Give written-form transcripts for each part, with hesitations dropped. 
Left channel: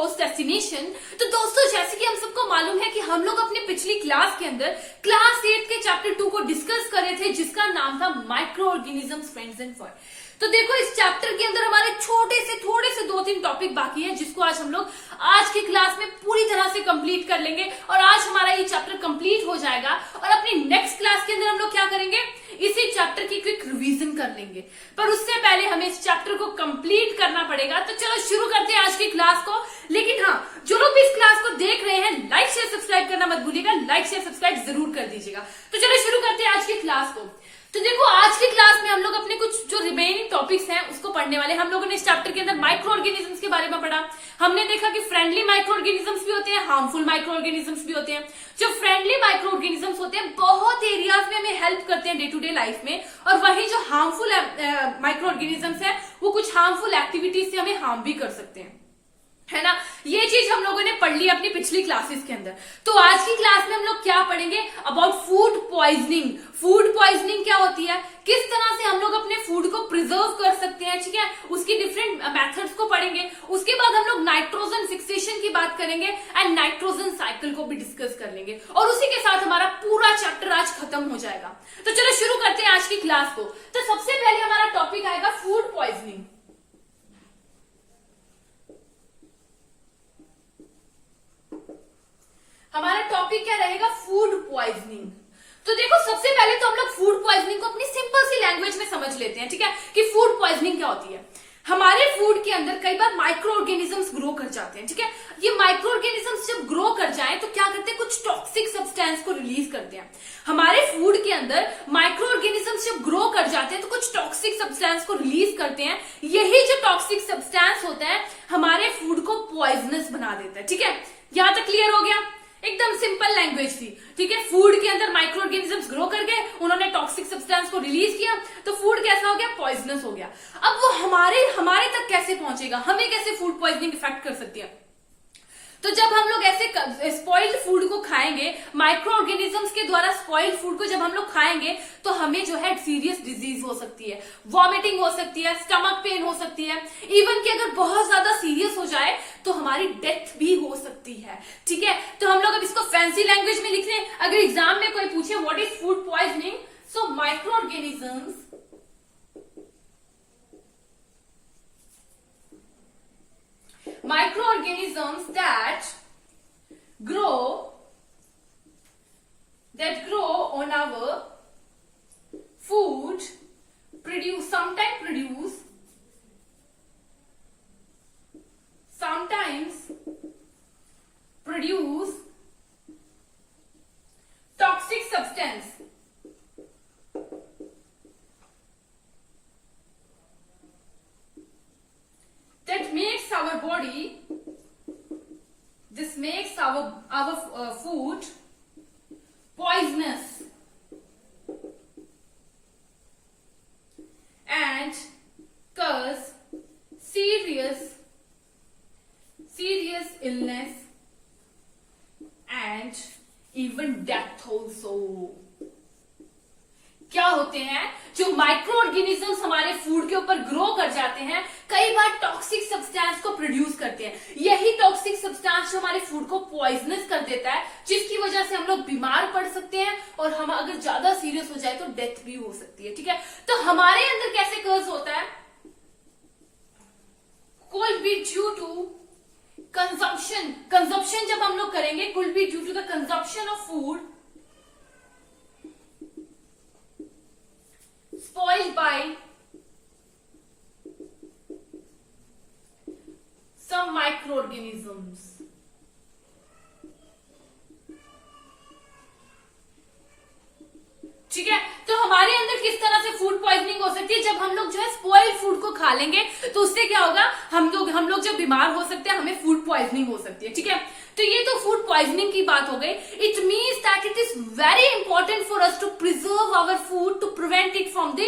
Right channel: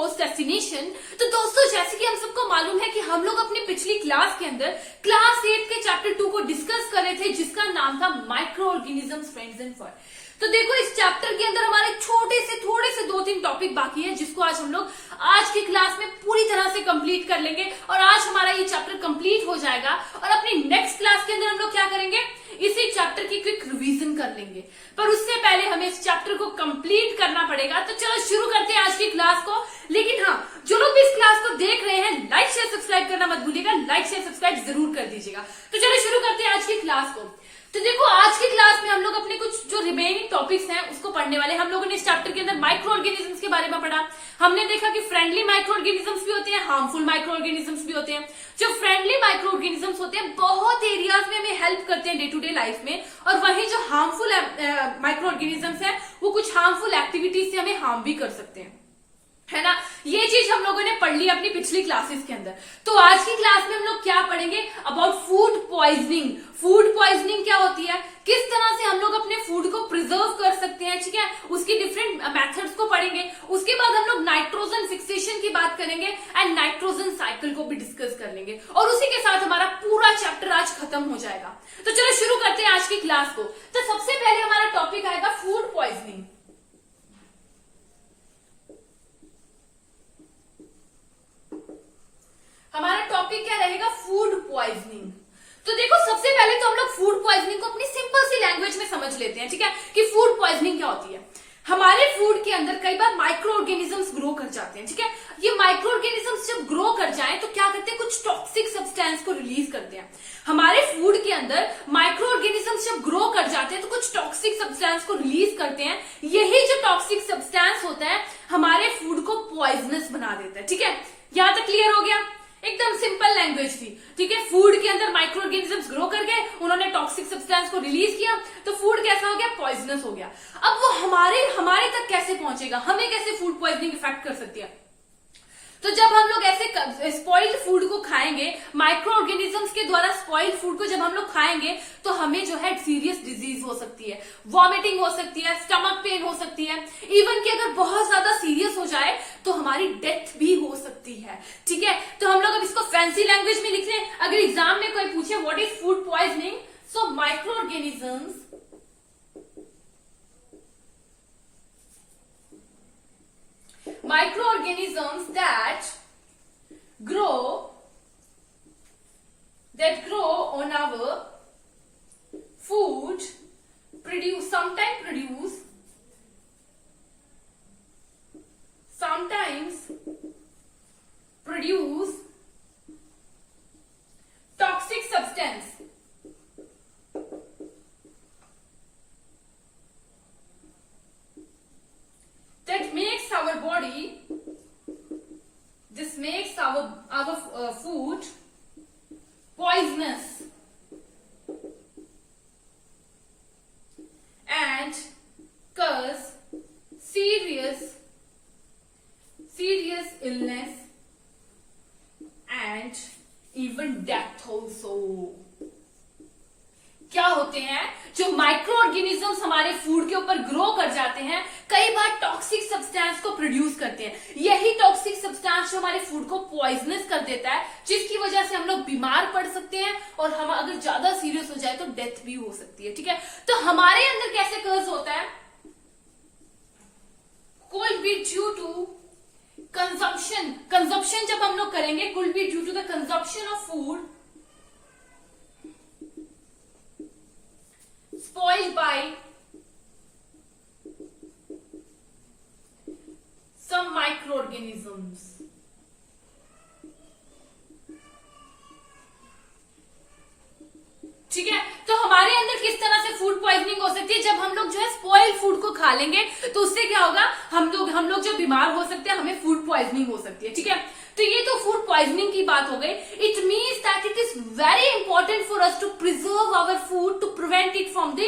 Course destination. तो दोस्तों, जैसे कि हम सबको मालूम है कि हम लोग अपने पिछली क्लास के अंदर क्लास 8 के चैप्टर 2 को डिस्कस कर रहे थे, जिसका नाम था micro organisms, friends and for. तो देखो, इस चैप्टर के अंदर हमारे थोड़े से 2-3 टॉपिक बाकी है, जिसको आज हम लोग आज की क्लास में पूरी तरह से कंप्लीट कर लेंगे और आज हमारा ये चैप्टर कंप्लीट हो जाएगा। और अपनी नेक्स्ट क्लास के अंदर हम लोग क्या करेंगे, इसी चैप्टर की क्विक रिवीजन कर लेंगे। पर उससे पहले हमें इस चैप्टर को कंप्लीट करना पड़ेगा। तो चलो शुरू करते हैं आज की क्लास को। लेकिन हाँ, जो लोग भी इस क्लास को देख रहे हैं, लाइक शेयर सब्सक्राइब करना मत भूलिएगा, लाइक शेयर सब्सक्राइब जरूर कर दीजिएगा। तो चलो शुरू करते हैं आज की क्लास को। तो देखो, आज की क्लास में हम लोग अपने कुछ जो रिमेनिंग टॉपिक्स हैं उसको पढ़ने वाले। हम लोगों ने इस चैप्टर के अंदर माइक्रो ऑर्गेनिजम्स के बारे में पढ़ा। हमने देखा कि फ्रेंडली माइक्रो ऑर्गेनिजम्स भी होते हैं, हार्मफुल माइक्रो ऑर्गेनिजम्स भी होते हैं। जो फ्रेंडली माइक्रो ऑर्गेनिजम्स होते हैं बहुत एरियाज में हमें हेल्प करते हैं डे टू डे लाइफ में, और वहीं जो हार्मफुल माइक्रो ऑर्गेनिजम्स है वो कुछ हार्मफुल एक्टिविटीज से हमें हार्म भी कर सकते हैं, है ना। ये चीज हम लोगों ने पढ़ ली अपनी पिछली क्लासेस के अंदर। तो आज की क्लास में हम लोग क्या पढ़ेंगे, about food poisoning. Food poisoning क्या होती है, किस तरह से हम लोग अपने फूड को प्रिजर्व कर सकते हैं, ठीक है, उसकी डिफरेंट मेथड्स को पढ़ेंगे। उसके बाद हम लोग नाइट्रोजन फिक्सेशन की बात करेंगे एंड नाइट्रोजन साइकिल को भी डिस्कस कर लेंगे, और उसी के साथ हमारा पूरा चैप्टर आज खत्म हो जाएगा। तो चलो शुरू करते हैं आज की क्लास को। तो सबसे पहले हमारा टॉपिक आएगा फूड पॉइजनिंग। हमारा टॉपिक क्या रहेगा, फूड पॉइजनिंग। तो देखो, सबसे पहले तो हम लोग फूड पॉइजनिंग को अपनी सिंपल सी लैंग्वेज में समझ लेते हैं, ठीक है, कि फूड पॉइजनिंग क्या होती है। हमारे फूड के अंदर कई बार माइक्रो ऑर्गेनिजम्स ग्रो कर जाते हैं, ठीक है। ये माइक्रो ऑर्गेनिजम्स जब ग्रो कर जाएं तो क्या करते हैं, कुछ टॉक्सिक सब्सटेंस को रिलीज करते हैं। हमारे फूड के अंदर माइक्रो ऑर्गेनिजम्स जब ग्रो कर जाते हैं तो कुछ टॉक्सिक सब्सटेंस को रिलीज करते हैं। यही जो टॉक्सिक सब्सटेंस होता है हमारे फूड को पॉइजनस बना देता है, ठीक है। यहां तक क्लियर हो गया, एकदम सिंपल लैंग्वेज थी, ठीक है। फूड के अंदर माइक्रो ऑर्गेनिजम्स ग्रो कर गए, उन्होंने टॉक्सिक सब्सटेंस को रिलीज किया, तो फूड कैसा हो गया, पॉइजनस हो गया। अब वो हमारे तक कैसे पहुंचेगा, हमें कैसे फूड पॉइजनिंग इफेक्ट कर सकती है। तो जब हम लोग ऐसे स्पॉइल्ड फूड को खाएंगे, माइक्रो ऑर्गेनिजम्स के द्वारा स्पॉइल्ड फूड को जब हम लोग खाएंगे, तो हमें जो है सीरियस डिजीज हो सकती है, वॉमिटिंग हो सकती है, स्टमक पेन हो सकती है, इवन कि अगर बहुत ज्यादा सीरियस हो जाए तो हमारी डेथ भी हो सकती है, ठीक है। तो हम लोग अब इसको फैंसी लैंग्वेज में लिख लें। अगर एग्जाम में कोई पूछे what is food poisoning, so micro organisms microorganisms that grow on our food sometimes produce toxic substance that makes our body, this makes our food poisonous and cause serious illness and even death also. क्या होते हैं, जो micro organisms हमारे food के ऊपर grow कर जाते हैं, कई बार टॉक्सिक सब्सटेंस को प्रोड्यूस करते हैं। यही टॉक्सिक सब्सटेंस जो हमारे फूड को पॉइजनस कर देता है, जिसकी वजह से हम लोग बीमार पड़ सकते हैं, और हम अगर ज्यादा सीरियस हो जाए तो डेथ भी हो सकती है, ठीक है। तो हमारे अंदर कैसे कर्ज होता है, could be due to consumption जब हम लोग करेंगे, could be due to the consumption of food spoiled by some microorganisms. ठीक है। तो हमारे अंदर किस तरह से फूड पॉइजनिंग हो सकती है, जब हम लोग जो है स्पॉइल्ड फूड को खा लेंगे तो उससे क्या होगा, हम लोग जो बीमार हो सकते हैं, हमें फूड पॉइजनिंग हो सकती है, ठीक है। तो ये तो फूड पॉइजनिंग की बात हो गई। It means that it is very important for us to preserve our food, to prevent it from the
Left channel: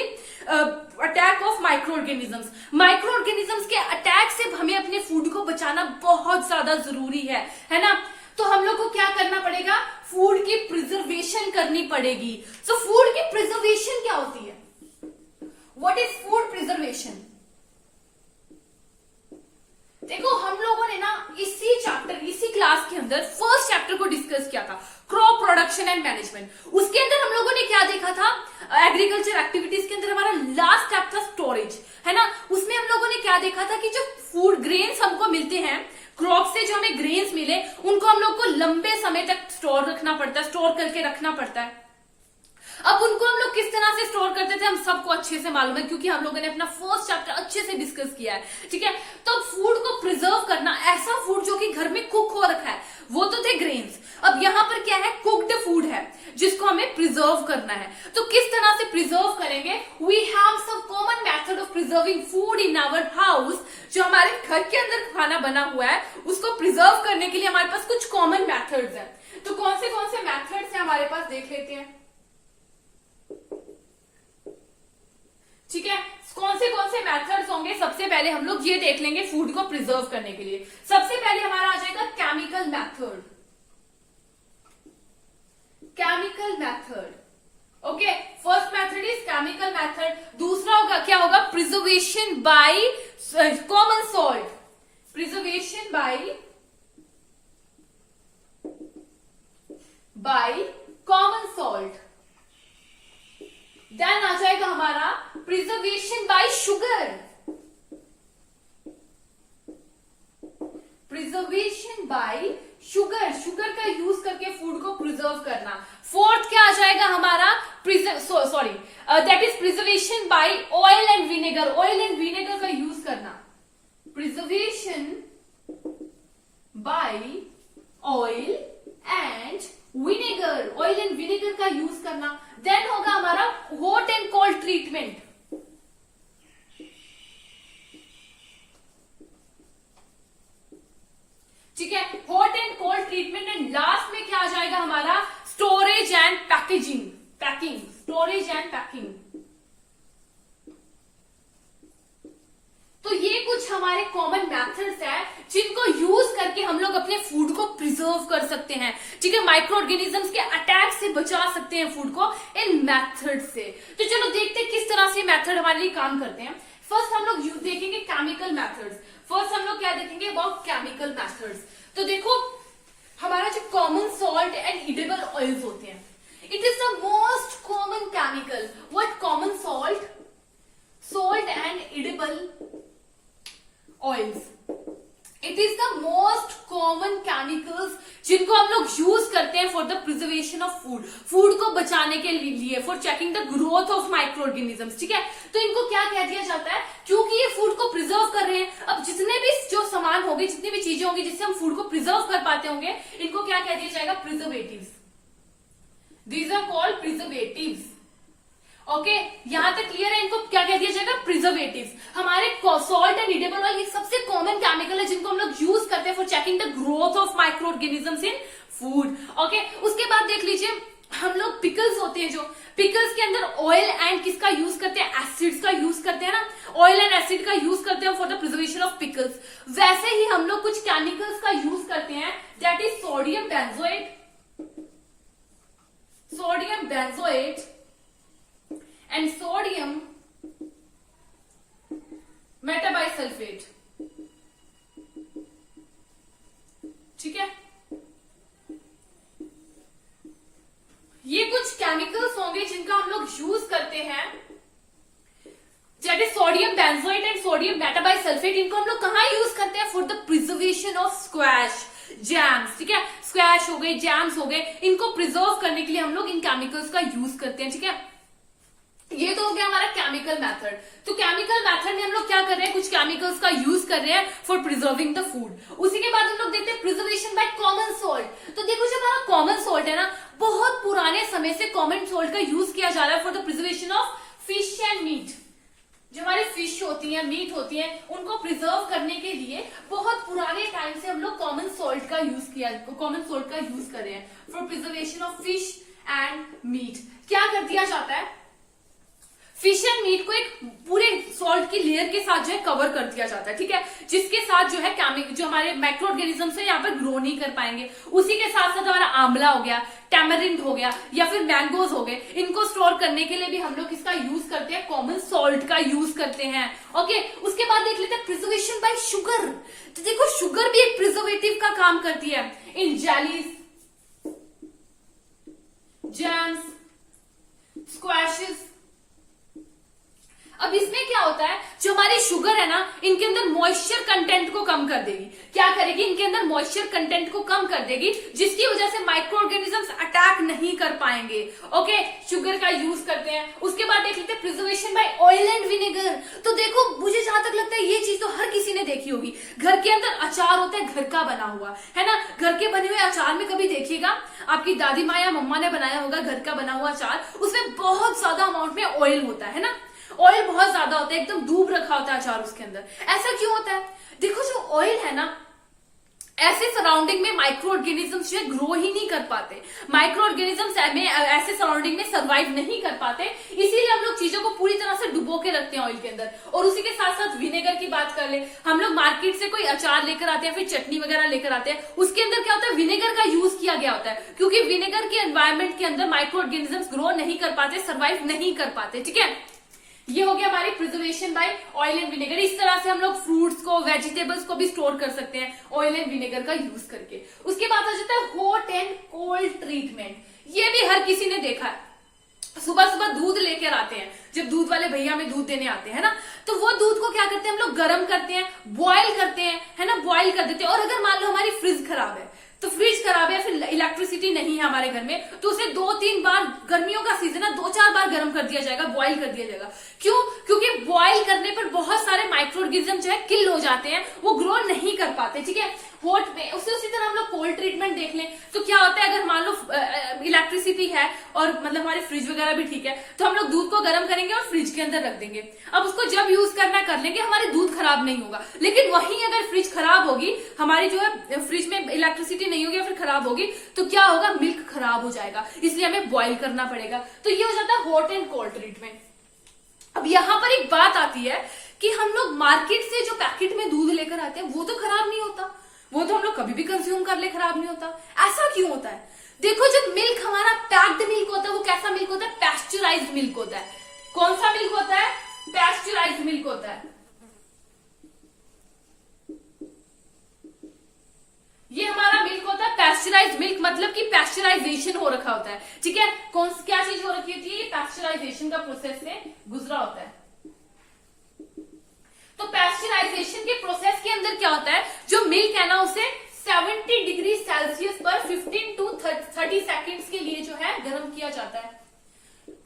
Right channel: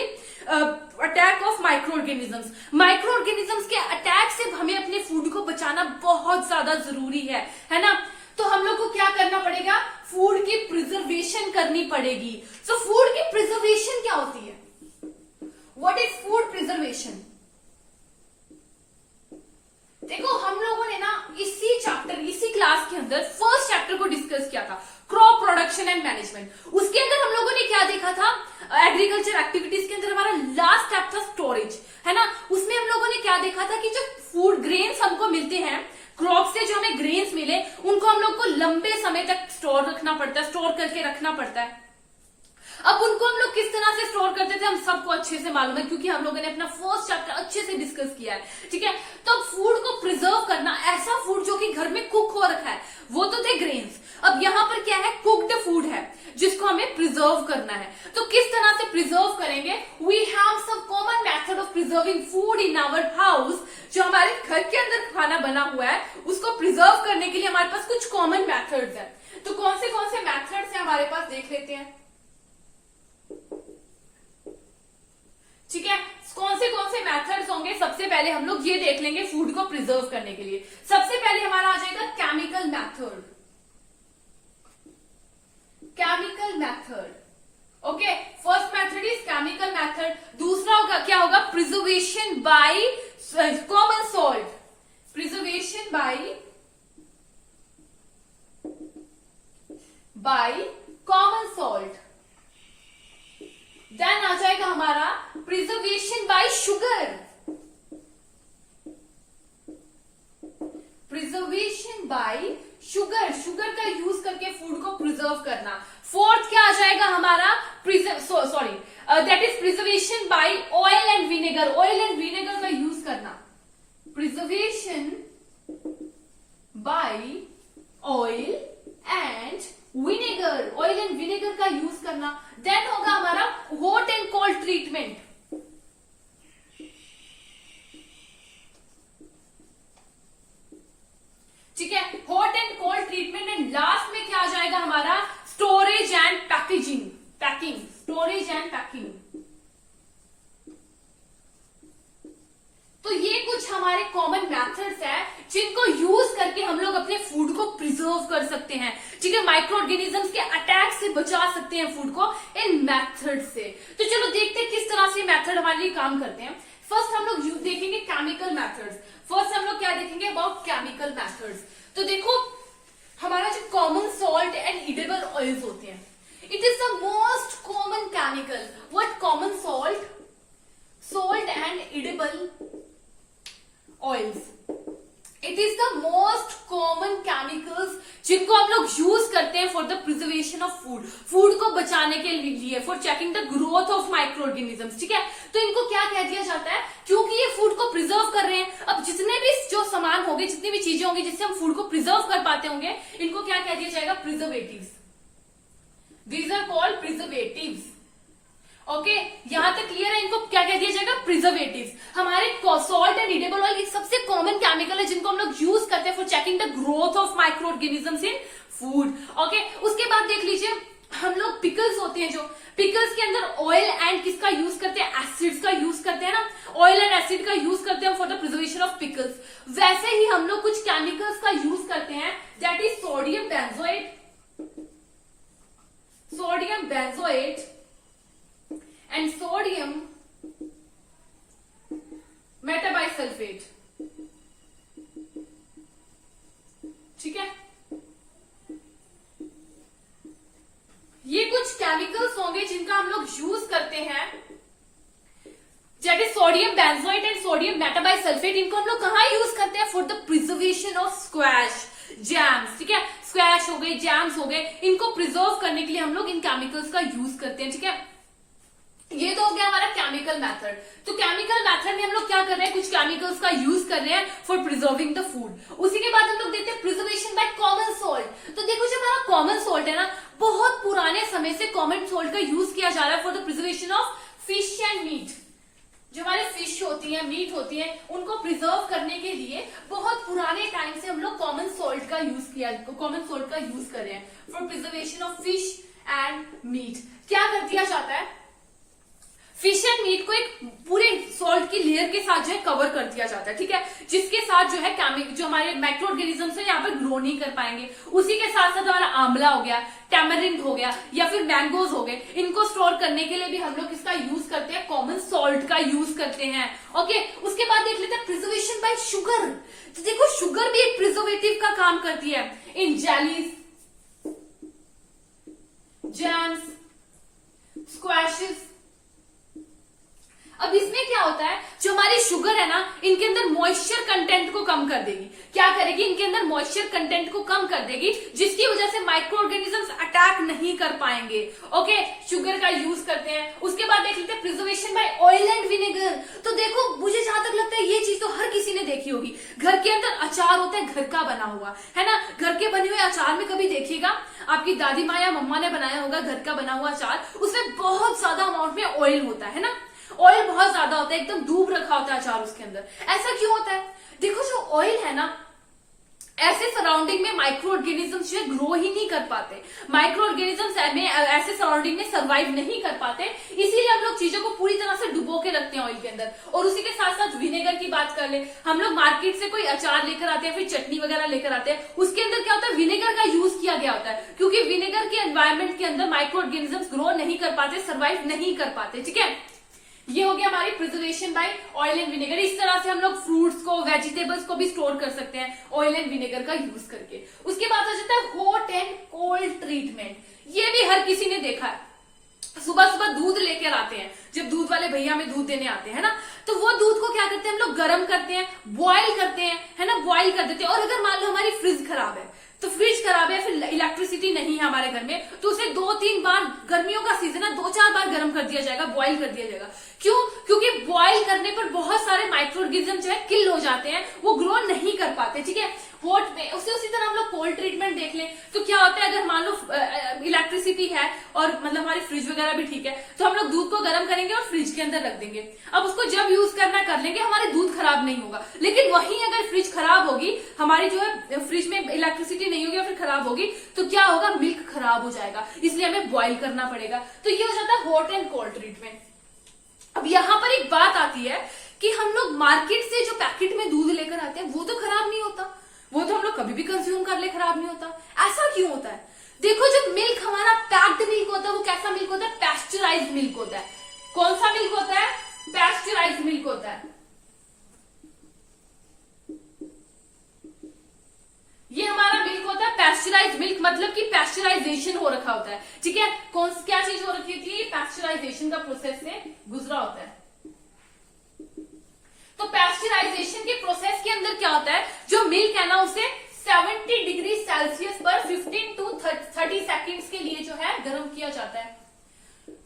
attack of microorganisms. Microorganisms के अटैक से हमें अपने फूड को बचाना बहुत ज्यादा जरूरी है ना। तो हम लोग को क्या करना पड़ेगा, फूड की प्रिजर्वेशन करनी पड़ेगी। सो फूड की प्रिजर्वेशन क्या होती है, व्हाट इज फूड प्रिजर्वेशन। देखो हम लोगों ने ना इसी चैप्टर, इसी क्लास के अंदर फर्स्ट चैप्टर को डिस्कस किया था, क्रॉप प्रोडक्शन एंड मैनेजमेंट। उसके अंदर हम लोगों ने क्या देखा था, एग्रीकल्चर एक्टिविटीज के अंदर हमारा लास्ट स्टेप था स्टोरेज, है ना। उसमें हम लोगों ने क्या देखा था कि जो फूड ग्रेन्स हमको मिलते हैं क्रॉप से, जो हमें ग्रेन्स मिले उनको हम लोग को लंबे समय तक स्टोर रखना पड़ता है, स्टोर करके रखना पड़ता है। अब उनको हम लोग किस तरह से स्टोर करते थे हम सबको अच्छे से मालूम है, क्योंकि हम लोगों ने अपना फर्स्ट चैप्टर अच्छे से डिस्कस किया है, ठीक है। तो फूड को प्रिजर्व करना, ऐसा फूड जो कि घर में कुक हो रखा है, वो तो थे ग्रेन्स। अब यहाँ पर क्या है, कुक्ड फूड है जिसको हमें प्रिजर्व करना है। तो किस तरह से प्रिजर्व करेंगे, we have some common method of preserving food in our house. जो हमारे घर के अंदर खाना बना हुआ है उसको प्रिजर्व करने के लिए हमारे पास कुछ कॉमन मेथड्स है। तो कौन से मेथड्स है हमारे पास, देख लेते हैं, ठीक है। कौन से मेथड्स होंगे, सबसे पहले हम लोग ये देख लेंगे फूड को प्रिजर्व करने के लिए। सबसे पहले हमारा आ जाएगा chemical method, chemical method, okay. First method is chemical method. दूसरा होगा क्या होगा, preservation by common salt, preservation by common salt. Then आ जाएगा हमारा preservation by sugar, preservation by sugar, sugar का यूज करके फूड को प्रिजर्व करना। फोर्थ क्या आ जाएगा हमारा, that is preservation by oil and vinegar, oil and vinegar का यूज करना, preservation by oil and vinegar, oil and vinegar का यूज करना। देन होगा हमारा हॉट एंड कोल्ड ट्रीटमेंट, ठीक है, hot and cold treatment. And last में क्या आ जाएगा हमारा, storage and packaging, packing, storage and packing. तो ये कुछ हमारे कॉमन मेथड्स हैं जिनको यूज करके हम लोग अपने फूड को प्रिजर्व कर सकते हैं, ठीक है, माइक्रो ऑर्गेनिजम्स के अटैक से बचा सकते हैं फूड को इन मेथड से। तो चलो देखते हैं किस तरह से मेथड हमारे लिए काम करते हैं। फर्स्ट हम लोग देखेंगे केमिकल मेथड्स। फर्स्ट हम लोग क्या देखेंगे, अबाउट केमिकल मेथड्स। तो देखो हमारा जो common salt and edible oils होते हैं, it is the most common chemical. What common salt, salt and edible oils, it is the most common chemicals जिनको हम लोग यूज करते हैं for the preservation of food, food को बचाने के लिए, for checking the growth of micro organisms, ठीक है। तो इनको क्या कह दिया जाता है, क्योंकि ये फूड को प्रिजर्व कर रहे हैं। अब जितने भी जो सामान होंगे, जितनी भी चीजें होंगी जिससे हम फूड को प्रिजर्व कर पाते होंगे, इनको क्या कह दिया जाएगा, preservatives. These are called preservatives, okay. यहां तक क्लियर है, इनको क्या कह दिया जाएगा, प्रिजर्वेटिव्स। हमारे सॉल्ट एंड इडेबल ऑयल सबसे कॉमन केमिकल है जिनको हम लोग यूज करते हैं for checking the growth of micro organisms in food, okay. उसके बाद देख लीजिए हम लोग पिकल्स होते हैं, जो पिकल्स के अंदर ऑयल एंड किसका यूज करते हैं, एसिड्स का यूज करते हैं ना, ऑयल एंड एसिड का यूज करते हैं for the preservation of pickles. वैसे ही हम लोग कुछ केमिकल्स का यूज करते हैं, that is sodium benzoate, sodium benzoate and sodium metabisulfate, ठीक है। ये कुछ केमिकल्स होंगे जिनका हम लोग यूज करते हैं, that is sodium benzoate and sodium metabisulphite. इनको हम लोग कहां यूज करते हैं, for the preservation of squash, jams, ठीक है, स्क्वैश हो गए, जैम्स हो गए, इनको प्रिजर्व करने के लिए हम लोग इन केमिकल्स का यूज करते हैं, ठीक है। ये तो हो गया हमारा केमिकल मेथड। तो केमिकल मेथड में हम लोग क्या कर रहे हैं, कुछ केमिकल्स का यूज कर रहे हैं फॉर प्रिजर्विंग द फूड। उसी के बाद हम लोग देखते हैं प्रिजर्वेशन बाय कॉमन सॉल्ट। तो देखो जो हमारा कॉमन सॉल्ट है ना, बहुत पुराने समय से कॉमन सॉल्ट का यूज किया जा रहा है for the preservation of fish and meat. जो हमारे फिश होती है, मीट होती है, उनको प्रिजर्व करने के लिए बहुत पुराने टाइम से हम लोग कॉमन सॉल्ट का यूज कर रहे हैं for preservation of fish and meat. क्या कर दिया जाता है, फिश एंड मीट को एक पूरे सॉल्ट की लेयर के साथ जो है कवर कर दिया जाता है, ठीक है, जिसके साथ जो है जो हमारे माइक्रो ऑर्गेनिजम्स है यहाँ पर ग्रो नहीं कर पाएंगे। उसी के साथ साथ हमारा आंवला हो गया, टैमरिंड हो गया या फिर मैंगोज हो गए, इनको स्टोर करने के लिए भी हम लोग इसका यूज करते हैं, कॉमन सॉल्ट का यूज करते हैं। ओके, उसके बाद देख लेते हैं प्रिजर्वेशन बाय शुगर। तो देखो शुगर भी एक प्रिजर्वेटिव का काम करती है इन जेलीज, जैम्स, स्क्वैशेस। अब इसमें क्या होता है, जो हमारी शुगर है ना, इनके अंदर मॉइस्चर कंटेंट को कम कर देगी। क्या करेगी, इनके अंदर मॉइस्चर कंटेंट को कम कर देगी, जिसकी वजह से माइक्रो ऑर्गेनिजम्स अटैक नहीं कर पाएंगे। ओके, शुगर का यूज करते हैं। उसके बाद देख लेते हैं preservation by oil and vinegar. तो देखो मुझे जहां तक लगता है ये चीज तो हर किसी ने देखी होगी, घर के अंदर अचार होता है, घर का बना हुआ है ना, घर के बने हुए अचार में कभी देखिएगा आपकी दादी माँ या मम्मा ने बनाया होगा घर का बना हुआ अचार, उसमें बहुत ज्यादा अमाउंट में ऑयल होता है ना, ऑयल बहुत ज्यादा होता है, एकदम डूब रखा होता है अचार उसके अंदर। ऐसा क्यों होता है, देखो जो ऑयल है ना, ऐसे सराउंडिंग में माइक्रो ऑर्गेनिजम्स जो है ग्रो ही नहीं कर पाते, माइक्रो ऑर्गेनिजम्स ऐसे सराउंडिंग में सर्वाइव नहीं कर पाते, इसीलिए हम लोग चीजों को पूरी तरह से डुबो के रखते हैं ऑयल के अंदर। और उसी के साथ साथ विनेगर की बात कर ले, हम लोग मार्केट से कोई अचार लेकर आते हैं, फिर चटनी वगैरह लेकर आते हैं, उसके अंदर क्या होता है, विनेगर का यूज किया गया होता है, क्योंकि विनेगर के एनवायरमेंट के अंदर माइक्रो ऑर्गेनिजम्स ग्रो नहीं कर पाते, सर्वाइव नहीं कर पाते। ठीक है, ये हो गया हमारी preservation by oil and vinegar. इस तरह से हम लोग फ्रूट्स को, वेजिटेबल्स को भी स्टोर कर सकते हैं ऑयल एंड विनेगर का यूज करके। उसके बाद आ जाता है हॉट एंड कोल्ड ट्रीटमेंट। ये भी हर किसी ने देखा है, सुबह सुबह दूध लेकर आते हैं, जब दूध वाले भैया हमें दूध देने आते हैं ना, तो वो दूध को क्या करते हैं हम लोग, गर्म करते हैं, बॉयल करते हैं, है ना, बॉयल कर देते हैं। और अगर मान लो हमारी फ्रिज खराब है, तो फ्रिज खराब है, फिर इलेक्ट्रिसिटी नहीं है हमारे घर में, तो उसे 2-3 बार, गर्मियों का सीजन है, 2-4 बार गर्म कर दिया जाएगा, बॉईल कर दिया जाएगा। क्यों, क्योंकि बॉईल करने पर बहुत सारे माइक्रो ऑर्गेनिज्म जो है किल हो जाते हैं, वो ग्रो नहीं कर पाते। ठीक है, हॉट में उसी तरह हम लोग कोल्ड ट्रीटमेंट देख लें तो क्या होता है, अगर मान लो इलेक्ट्रिसिटी है और मतलब हमारी फ्रिज वगैरह भी ठीक है, तो हम लोग दूध को गर्म करेंगे और फ्रिज के अंदर रख देंगे। अब उसको जब यूज करना कर लेंगे, हमारे दूध खराब नहीं होगा। लेकिन वहीं अगर फ्रिज खराब होगी, हमारी जो है फ्रिज में इलेक्ट्रिसिटी नहीं होगी या फिर खराब होगी, तो क्या होगा, मिल्क खराब हो जाएगा, इसलिए हमें बॉईल करना पड़ेगा। तो ये हो जाता है हॉट एंड कोल्ड ट्रीटमेंट। अब यहाँ पर एक बात आती है कि हम लोग मार्केट से जो पैकेट में दूध लेकर आते हैं वो तो खराब नहीं होता, वो तो हम लोग कभी भी कंज्यूम कर ले, खराब नहीं होता। ऐसा क्यों होता है, देखो जब मिल्क हमारा पैक्ड मिल्क होता है, वो कैसा मिल्क होता है, पैस्चराइज्ड मिल्क होता है। कौन सा मिल्क होता है, पैस्चराइज्ड मिल्क होता है। ये हमारा मिल्क होता है पैस्चराइज्ड मिल्क, मतलब कि पैस्चराइजेशन हो रखा होता है। ठीक है, क्या चीज हो रखी होती है, ये पैस्चराइजेशन का प्रोसेस से गुजरा होता है। तो पैस्चराइजेशन के प्रोसेस के अंदर क्या होता है, जो मिल्क है ना, उसे 70 डिग्री सेल्सियस पर 15 to 30 सेकेंड्स के लिए जो है गर्म किया जाता है।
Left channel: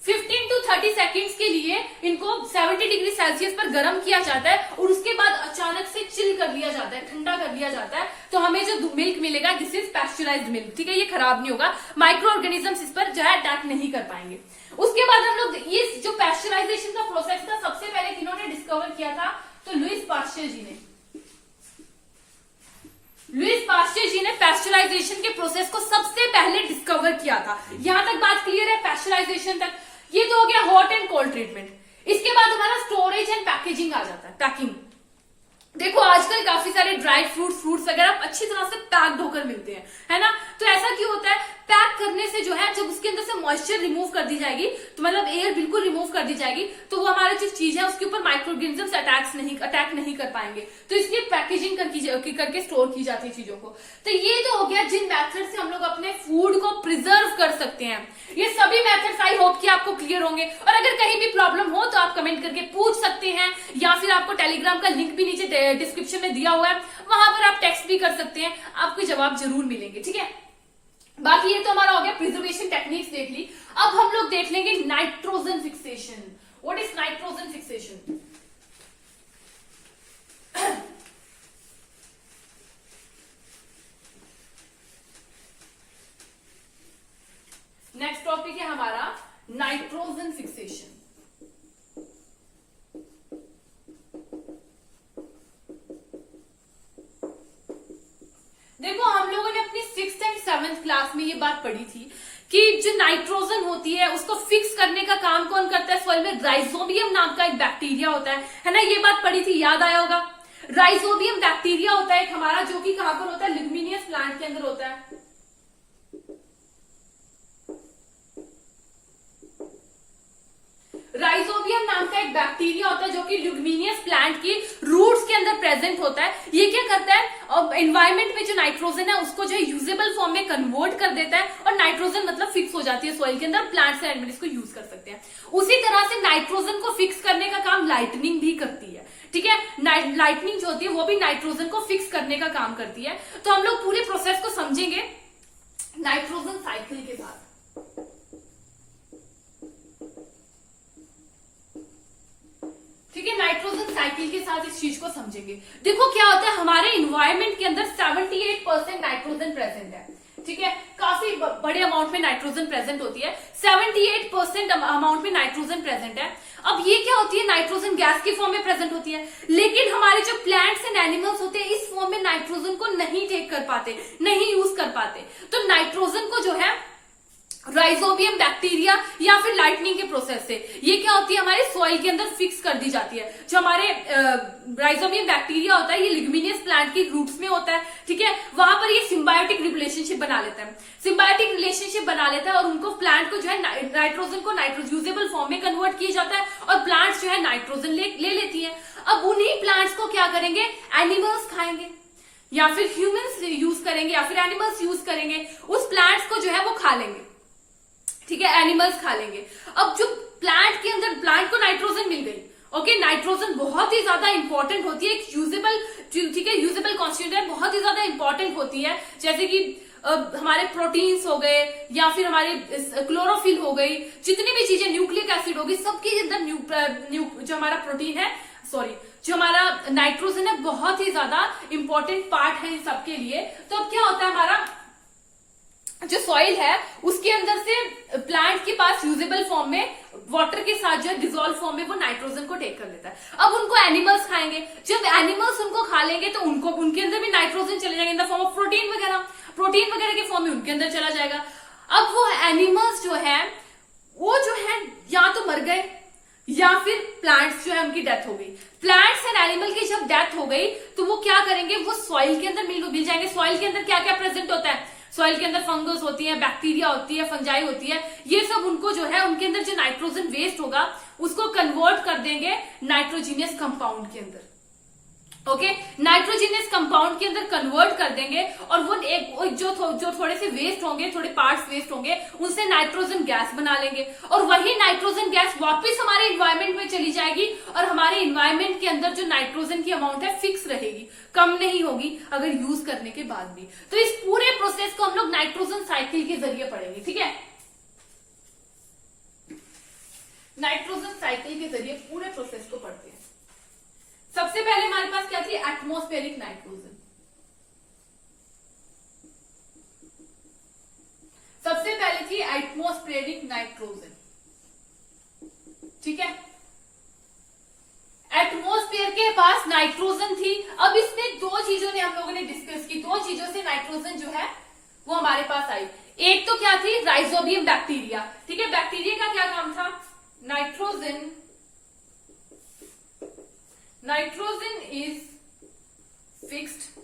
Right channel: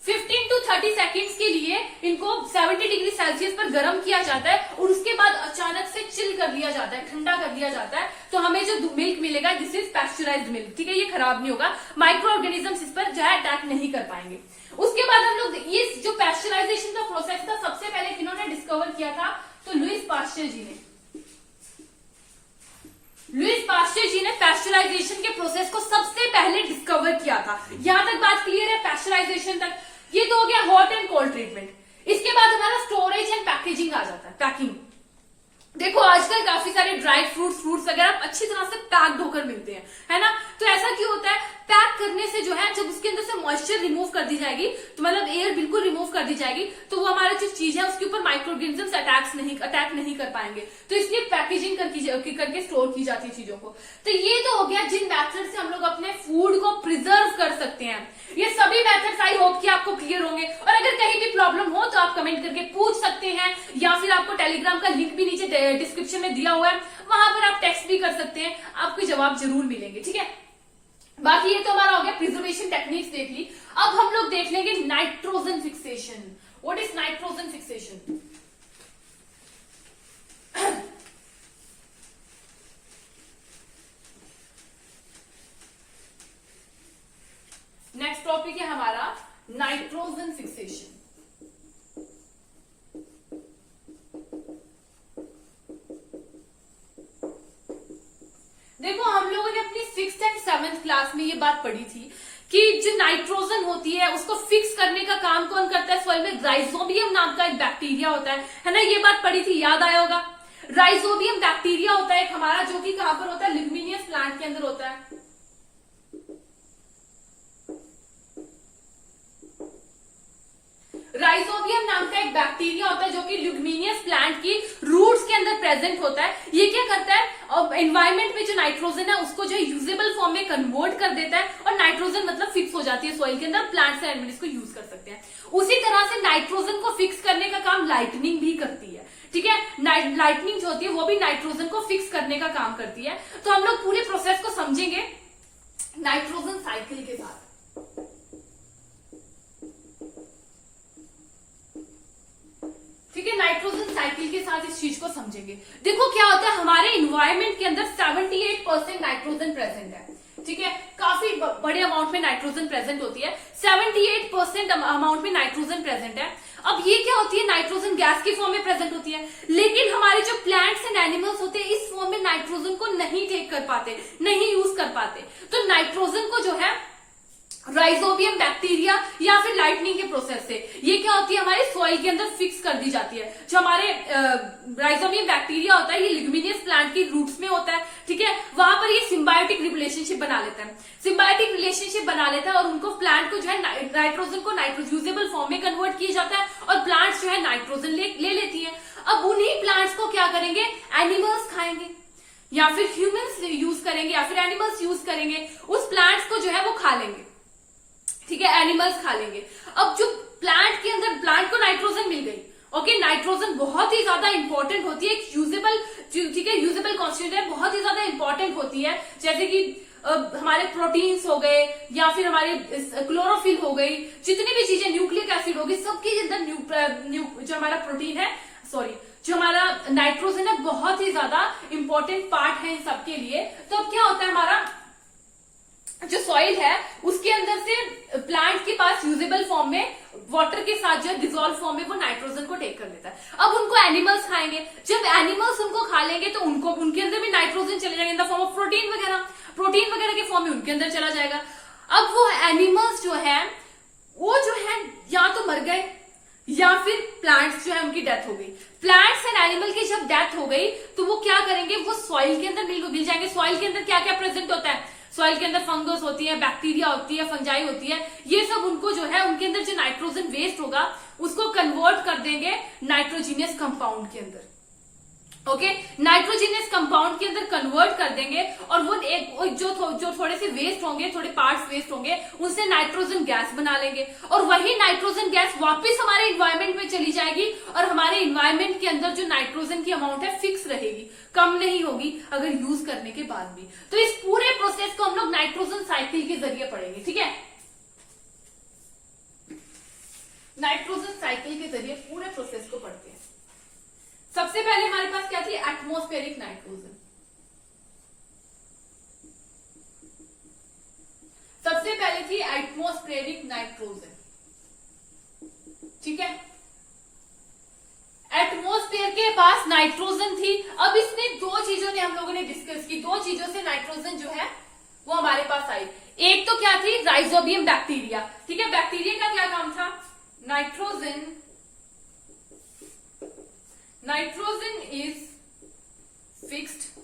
15 to 30 सेकेंड्स के लिए इनको 70 डिग्री सेल्सियस पर गर्म किया जाता है, और उसके बाद अचानक से चिल कर लिया जाता है, ठंडा कर लिया जाता है। तो हमें जो मिल्क मिलेगा, दिस इज पैस्चराइज्ड मिल्क। ठीक है, ये खराब नहीं होगा, माइक्रो ऑर्गेनिजम्स इस पर जो है अटैक नहीं कर पाएंगे। उसके बाद हम लोग ये जो पैस्चराइजेशन का प्रोसेस था, सबसे पहले किन्होंने डिस्कवर किया था, तो लुईस पास्चर जी ने। लुईस पास्चर जी ने पैस्चराइजेशन के प्रोसेस को सबसे पहले डिस्कवर किया था। यहां तक बात क्लियर है, पैस्चराइजेशन तक। ये तो हो गया हॉट एंड कोल्ड ट्रीटमेंट। इसके बाद हमारा स्टोरेज एंड पैकेजिंग आ जाता है, पैकिंग। देखो आजकल काफी सारे ड्राई फ्रूट्स वगैरह अच्छी तरह से पैक्ड होकर मिलते हैं, है ना। तो ऐसा क्यों होता है, पैक करने से जो है, जब उसके अंदर से मॉइस्चर रिमूव कर दी जाएगी, तो मतलब एयर बिल्कुल रिमूव कर दी जाएगी, तो वो हमारा जो चीज है उसके ऊपर माइक्रो ऑर्गेनिजम्स अटैक नहीं कर पाएंगे। तो इसलिए पैकेजिंग करके स्टोर की जाती है चीजों को। तो ये तो हो गया जिन मेथड से हम लोग अपने फूड को प्रिजर्व कर सकते हैं। ये सभी मेथड्स आई होप कि आपको क्लियर होंगे, और अगर कहीं भी प्रॉब्लम हो तो आप कमेंट करके पूछ सकते हैं, या फिर आपको टेलीग्राम का लिंक भी नीचे डिस्क्रिप्शन में दिया हुआ है, वहां पर आप टेक्स्ट भी कर सकते हैं, आपको जवाब जरूर मिलेंगे। ठीक है, बाकी ये तो हमारा हो गया प्रिजर्वेशन टेक्निक्स देख ली। अब हम लोग देख लेंगे nitrogen fixation. What is nitrogen fixation? Next topic है हमारा नाइट्रोजन फिक्सेशन। देखो हम लोगों ने अपनी 6th एंड 7th क्लास में ये बात पढ़ी थी कि जो नाइट्रोजन होती है उसको फिक्स करने का काम कौन करता है, सॉइल में राइजोबियम नाम का एक बैक्टीरिया होता है ना, ये बात पढ़ी थी, याद आया होगा। राइजोबियम बैक्टीरिया होता है एक हमारा, जो कि कहां पर होता है, लिग्मिनियस प्लांट के अंदर होता है। राइजोबियम नाम का एक बैक्टीरिया होता है जो कि ल्यूग्मिनियस प्लांट की रूट्स के अंदर प्रेजेंट होता है। ये क्या करता है, और एनवायरमेंट में जो नाइट्रोजन है उसको जो है यूजेबल फॉर्म में कन्वर्ट कर देता है, और नाइट्रोजन मतलब फिक्स हो जाती है सॉइल के अंदर, प्लांट्स एंड एनिमल्स को यूज कर सकते हैं। उसी तरह से नाइट्रोजन को फिक्स करने का काम लाइटनिंग भी करती है, ठीक है। लाइटनिंग जो होती है वो भी नाइट्रोजन को फिक्स करने का काम करती है। तो हम लोग पूरे प्रोसेस को समझेंगे नाइट्रोजन साइकिल के साथ। ठीक है, नाइट्रोजन साइकिल के साथ इस चीज को समझेंगे। देखो क्या होता है, हमारे इन्वायरमेंट के अंदर 78% नाइट्रोजन प्रेजेंट है, ठीक है, काफी बड़े अमाउंट में नाइट्रोजन प्रेजेंट होती है, 78% अमाउंट में नाइट्रोजन प्रेजेंट है। अब ये क्या होती है, नाइट्रोजन गैस की फॉर्म में प्रेजेंट होती है, लेकिन हमारे जो प्लांट्स एंड एनिमल्स होते हैं इस फॉर्म में नाइट्रोजन को नहीं टेक कर पाते, नहीं यूज कर पाते। तो नाइट्रोजन को जो है राइजोबियम बैक्टीरिया या फिर लाइटनिंग के प्रोसेस से ये क्या होती है, हमारे सॉइल के अंदर फिक्स कर दी जाती है। जो हमारे राइजोबियम बैक्टीरिया होता है ये लिग्मिनियस प्लांट की रूट्स में होता है, ठीक है, वहां पर ये सिम्बायोटिक रिलेशनशिप बना लेता है, सिम्बायोटिक रिलेशनशिप बना लेता है, और उनको प्लांट को जो है नाइट्रोजन को यूजेबल फॉर्म में कन्वर्ट किया जाता है, और प्लांट्स जो है नाइट्रोजन ले लेती है। अब उन्हीं प्लांट्स को क्या करेंगे, एनिमल्स खाएंगे, या फिर ह्यूमंस यूज करेंगे, या फिर एनिमल्स यूज करेंगे, उस प्लांट्स को जो है वो खा लेंगे, ठीक है, एनिमल्स खा लेंगे। अब जो प्लांट के अंदर, प्लांट को नाइट्रोजन मिल गई, ओके, नाइट्रोजन बहुत ही ज्यादा इंपॉर्टेंट होती है, एक यूजेबल, ठीक है, यूजेबल कॉन्स्टिट्यूएंट है, बहुत ही ज्यादा इंपॉर्टेंट होती है। जैसे कि हमारे प्रोटीन्स हो गए, या फिर हमारे क्लोरोफिल हो गई, जितनी भी चीजें, न्यूक्लिक एसिड होगी, सबके अंदर जो हमारा प्रोटीन है, सॉरी, जो हमारा नाइट्रोजन है, बहुत ही ज्यादा इंपॉर्टेंट पार्ट है इन सबके लिए। तो अब क्या होता है, हमारा जो सॉइल है उसके अंदर से प्लांट के पास यूजेबल फॉर्म में वाटर के साथ जो है डिजोल्व फॉर्म में वो नाइट्रोजन को टेक कर लेता है। अब उनको एनिमल्स खाएंगे, जब एनिमल्स उनको खा लेंगे तो उनको, उनके अंदर भी नाइट्रोजन चले जाएंगे in the form of protein वगैरह के फॉर्म में उनके अंदर चला जाएगा। अब वो एनिमल्स जो है वो जो है या तो मर गए, या फिर प्लांट्स जो है उनकी डेथ हो गई। प्लांट्स एंड एनिमल की जब डेथ हो गई तो वो क्या करेंगे, वो सॉइल के अंदर मिल जाएंगे। सॉइल के अंदर क्या क्या प्रेजेंट होता है, सॉइल के अंदर फंगस होती है, बैक्टीरिया होती है, फंजाई होती है, ये सब उनको जो है उनके अंदर जो नाइट्रोजन वेस्ट होगा उसको कन्वर्ट कर देंगे नाइट्रोजीनियस कंपाउंड के अंदर, ओके, नाइट्रोजीनियस कंपाउंड के अंदर कन्वर्ट कर देंगे, और वो एक जो थोड़े से वेस्ट होंगे, थोड़े पार्ट्स वेस्ट होंगे, उनसे नाइट्रोजन गैस बना लेंगे, और वही नाइट्रोजन गैस वापस हमारे इन्वायरमेंट में चली जाएगी, और हमारे इन्वायरमेंट के अंदर जो नाइट्रोजन की अमाउंट है फिक्स रहेगी, कम नहीं होगी अगर यूज करने के बाद भी। तो इस पूरे प्रोसेस को हम लोग नाइट्रोजन साइकिल के जरिए पढ़ेंगे, ठीक है, नाइट्रोजन साइकिल के जरिए पूरे प्रोसेस को पढ़ते हैं। सबसे पहले हमारे पास क्या थी, एटमॉस्फेरिक नाइट्रोजन। सबसे पहले थी एटमॉस्फेरिक नाइट्रोजन, ठीक है, एटमॉस्फेयर के पास नाइट्रोजन थी। अब इसमें दो चीजों ने हम लोगों ने डिस्कस की, दो चीजों से नाइट्रोजन जो है वो हमारे पास आई। एक तो क्या थी, राइजोबियम बैक्टीरिया, ठीक है, बैक्टीरिया का क्या काम था, नाइट्रोजन इज फिक्स्ड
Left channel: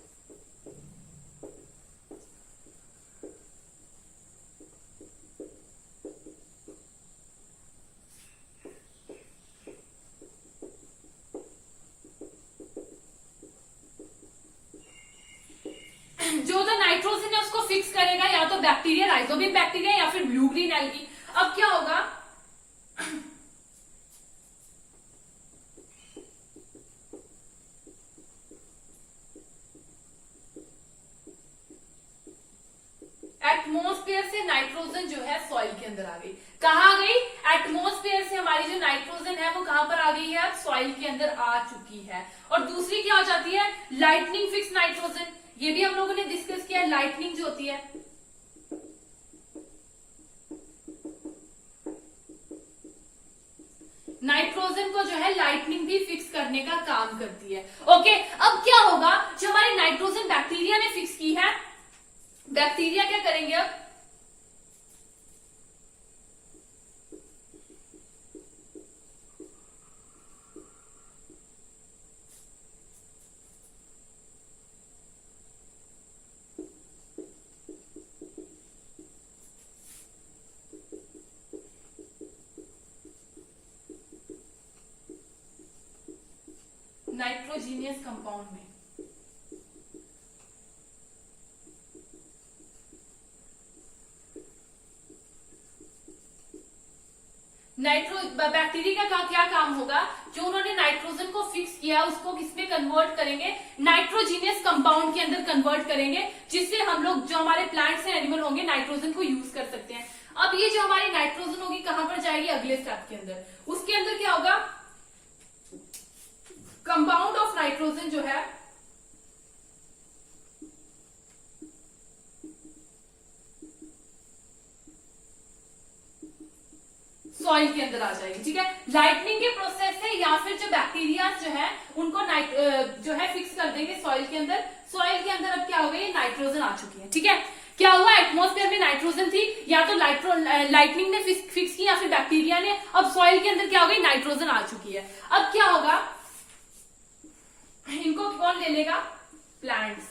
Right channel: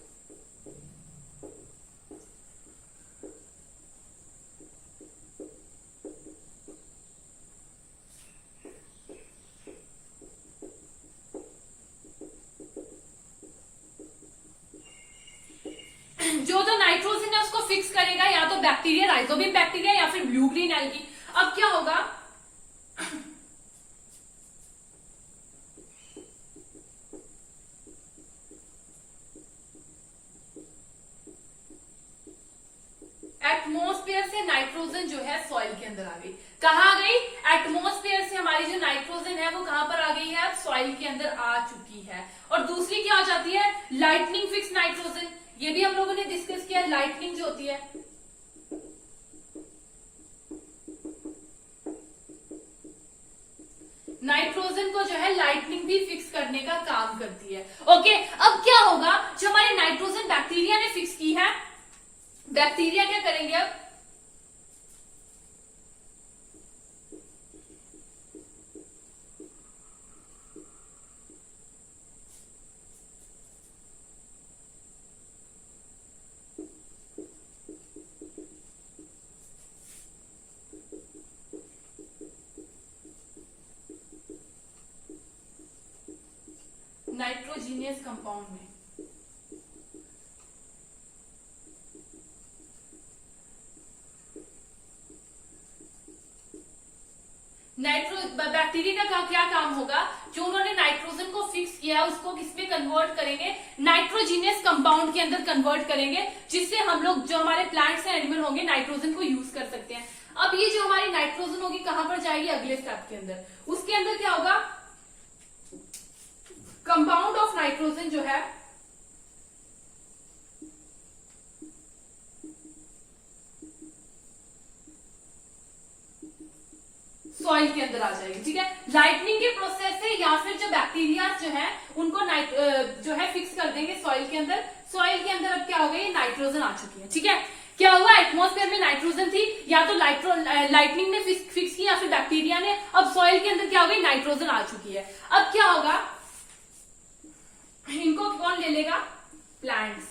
जो नाइट्रोजन है उसको फिक्स करेगा, या तो बैक्टीरिया, राइजोबियम बैक्टीरिया, या फिर ब्लू ग्रीन एल्गी। अब क्या होगा, एटमॉस्फेयर से नाइट्रोजन जो है सॉइल के अंदर आ गई। कहां आ गई, एटमॉस्फेयर से हमारी जो नाइट्रोजन है वो कहां पर आ गई है, सॉइल के अंदर आ चुकी है। और दूसरी क्या हो जाती है, लाइटनिंग फिक्स नाइट्रोजन, ये भी हम लोगों ने डिस्कस किया, लाइटनिंग जो होती है, नाइट्रोजन को जो है लाइटनिंग भी फिक्स करने का काम करती है, ओके। अब क्या होगा, जो हमारे नाइट्रोजन बैक्टीरिया ने फिक्स की है, बैक्टीरिया क्या करेंगे, अब नाइट्रोजीनियस कंपाउंड में। बैक्टीरिया का क्या काम होगा, जो उन्होंने नाइट्रोजन को फिक्स किया उसको किसमें कन्वर्ट करेंगे, नाइट्रोजीनियस कंपाउंड के अंदर कन्वर्ट करेंगे, जिससे हम लोग जो हमारे प्लांट्स एंड एनिमल होंगे नाइट्रोजन को यूज कर सकते हैं। अब ये जो हमारी नाइट्रोजन होगी कहां पर जाएगी, अगले स्टेप के अंदर। उसके अंदर क्या होगा, कंपाउंड ऑफ नाइट्रोजन जो है सॉइल के अंदर आ जाएगी। ठीक है, लाइटनिंग के प्रोसेस से या फिर जो बैक्टीरिया जो है उनको जो है फिक्स कर देंगे सॉइल के अंदर। सॉइल के अंदर अब क्या हो गया, ये नाइट्रोजन आ चुकी है। ठीक है, क्या हुआ, एटमॉस्फेयर में नाइट्रोजन थी, या तो लाइटनिंग ने फिक्स की या फिर बैक्टीरिया ने। अब सॉइल के अंदर क्या हो गई, नाइट्रोजन आ चुकी है। अब क्या होगा, इनको कौन ले लेगा, plants.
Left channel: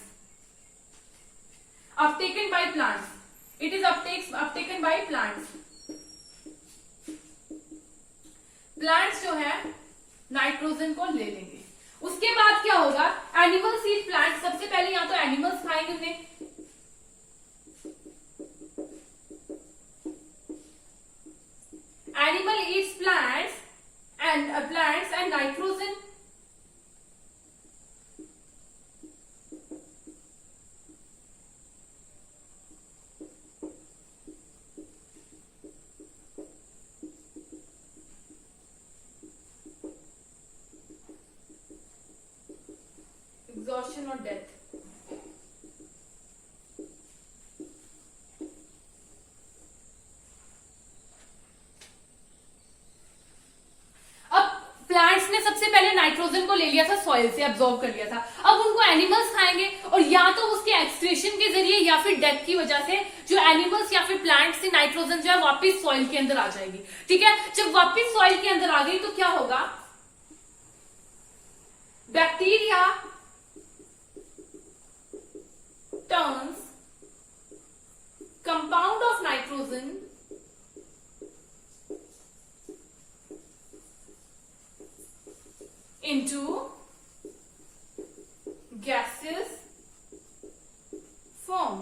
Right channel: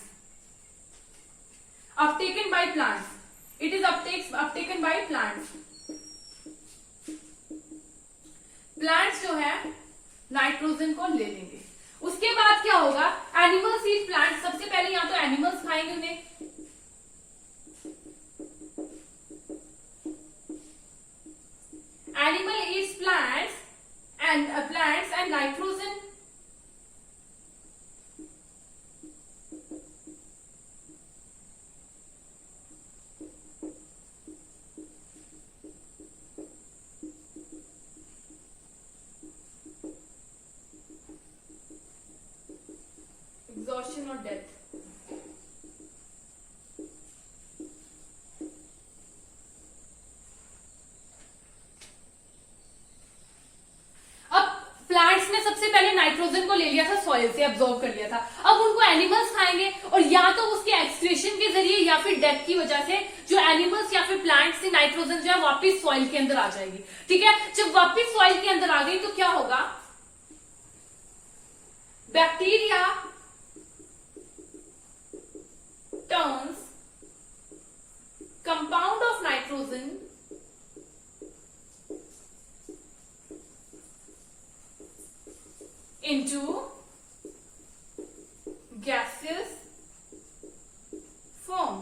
Uptaken by plants, it is uptaken by plants. Plants जो है नाइट्रोजन को ले लेंगे। उसके बाद क्या होगा, एनिमल्स ईट प्लांट्स। सबसे पहले यहां तो एनिमल्स खाएंगे उन्हें, animal Yeats plants and nitrogen exhaustion or death। अब प्लांट्स ने सबसे पहले नाइट्रोजन को ले लिया था, सॉइल से एब्जॉर्ब कर लिया था। अब उनको एनिमल्स खाएंगे, और या तो उसके एक्सक्रीशन के जरिए या फिर डेथ की वजह से जो एनिमल्स या फिर प्लांट्स से नाइट्रोजन जो है वापिस सॉइल के अंदर आ जाएगी। ठीक है, जब वापिस सॉइल के अंदर आ गई तो क्या होगा, bacteria turns compound of nitrogen into gaseous form।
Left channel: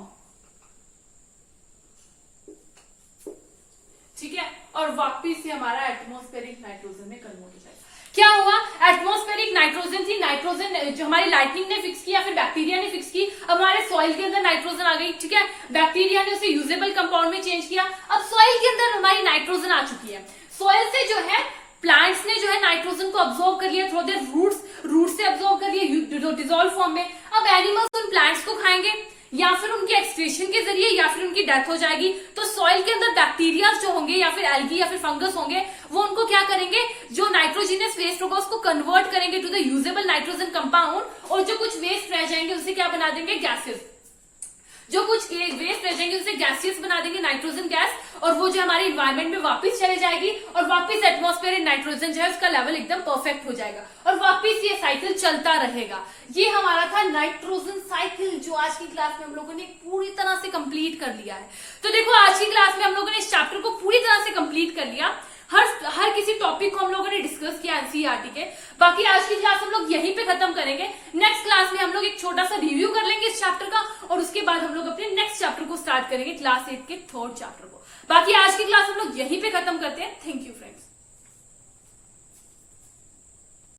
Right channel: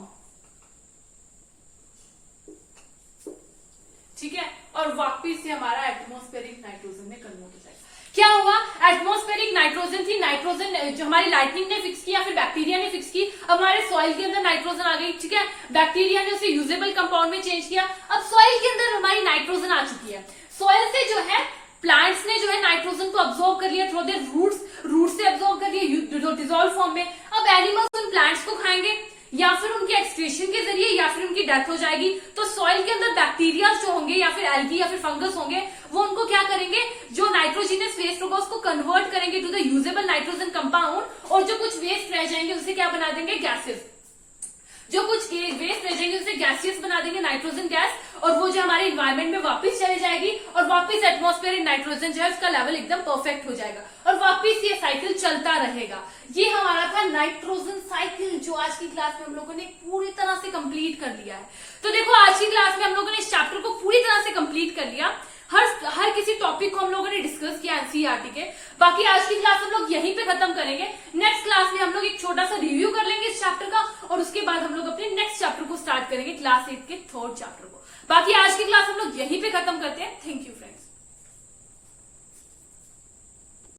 ठीक है, और वापिस से हमारा एटमॉस्फेरिक नाइट्रोजन में कन्वर्ट हो जाएगा। क्या हुआ, एटमॉस्फेरिक नाइट्रोजन थी, नाइट्रोजन जो हमारी लाइटनिंग ने फिक्स की या फिर बैक्टीरिया ने फिक्स की। अब हमारे सॉइल के अंदर नाइट्रोजन आ गई। ठीक है, बैक्टीरिया ने उसे यूजेबल कंपाउंड में चेंज किया। अब सॉइल के अंदर हमारी नाइट्रोजन आ चुकी है। सॉइल से जो है प्लांट्स ने जो है नाइट्रोजन को अब्सॉर्ब कर लिया थ्रू देयर रूट्स से अब्सॉर्ब कर लिया डिसॉल्व फॉर्म में। अब एनिमल्स उन प्लांट्स को खाएंगे, या फिर उनके एक्सक्रीशन के जरिए या फिर उनकी डेथ हो जाएगी। तो सॉइल के अंदर बैक्टीरिया जो होंगे या फिर एल्गी या फिर फंगस होंगे, वो उनको क्या करेंगे, जो नाइट्रोजीनियस वेस्ट होगा उसको कन्वर्ट करेंगे to the usable nitrogen compound, और जो कुछ वेस्ट रह जाएंगे उसे क्या बना देंगे, गैसेस। जो कुछ वेस्ट रह जाएंगे उसे गैसियस बना देंगे, नाइट्रोजन गैस, और वो जो हमारे इन्वायरमेंट में वापस चले जाएगी, और वापस एटमॉस्फेयर नाइट्रोजन जो है उसका लेवल एकदम परफेक्ट हो जाएगा, और वापस ये साइकिल चलता रहेगा। ये हमारा था नाइट्रोजन साइकिल, जो आज की क्लास में हम लोगों ने पूरी तरह से कंप्लीट कर लिया है। तो देखो, आज की क्लास में हम लोगों ने इस चैप्टर को पूरी तरह से कंप्लीट कर लिया। हर किसी टॉपिक को हम लोगों ने डिस्कस किया एनसीईआरटी के। बाकी आज की क्लास हम लोग यहीं पे खत्म करेंगे। नेक्स्ट क्लास में हम लोग एक छोटा सा रिव्यू कर लेंगे इस चैप्टर का, और उसके बाद हम लोग अपने नेक्स्ट चैप्टर को स्टार्ट करेंगे, क्लास 8 के 3rd चैप्टर को। बाकी आज की क्लास हम लोग यहीं पे खत्म करते हैं। Thank you friends.